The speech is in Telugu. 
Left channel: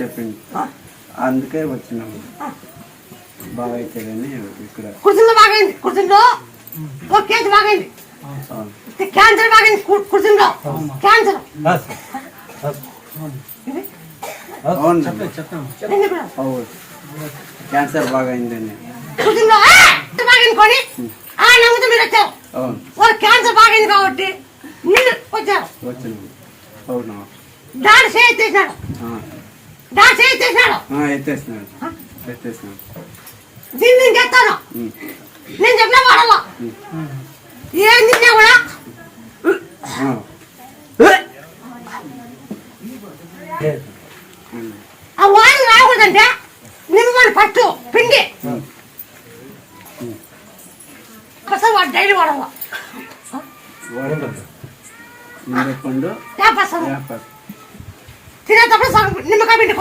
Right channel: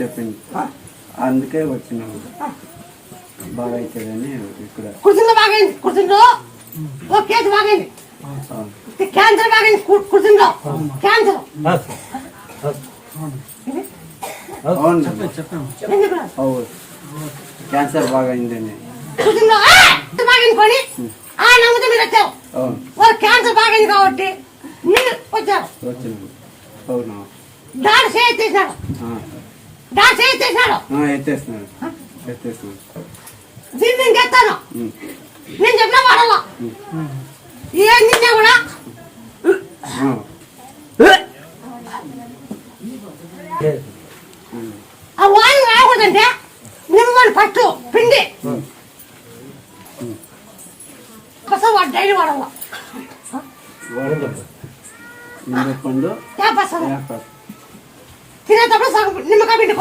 చెప్పింది, అందుకే వచ్చినాము. బాగా అవుతుందని ఇక్కడ కూర్చుందో బాగైంది, కూర్చుందో ఓ కేసు బాగైంది, క్యాన్సర్ బాగైంది, కూర్చుందో క్యాన్సర్. క్యాన్సర్ బాగా అయిందని కూర్చుందో బాగైంది కొని నమ్ముతూ మీరు వచ్చారు. వాళ్ళు క్యాన్సర్ బాగైంది కాబట్టి మీరు వచ్చారు. వచ్చినాము. అవునా? డాక్టర్ చేసేసినాడు, డాక్టర్ చేసేసినాడు, ఎత్తేసినాడు. దీన్ని నేను చెప్తాను, నేను చెప్పిన వాడల్లా ఏం తిన్నా కూడా ఆ వాయిని రాకూడదంటే నిమ్మని ఫస్ట్ పిండి అసలు వాడు డైలీ వాడల్లా నిమ్మపండు తినేటప్పుడు సగం నిమ్మకాయ పిండి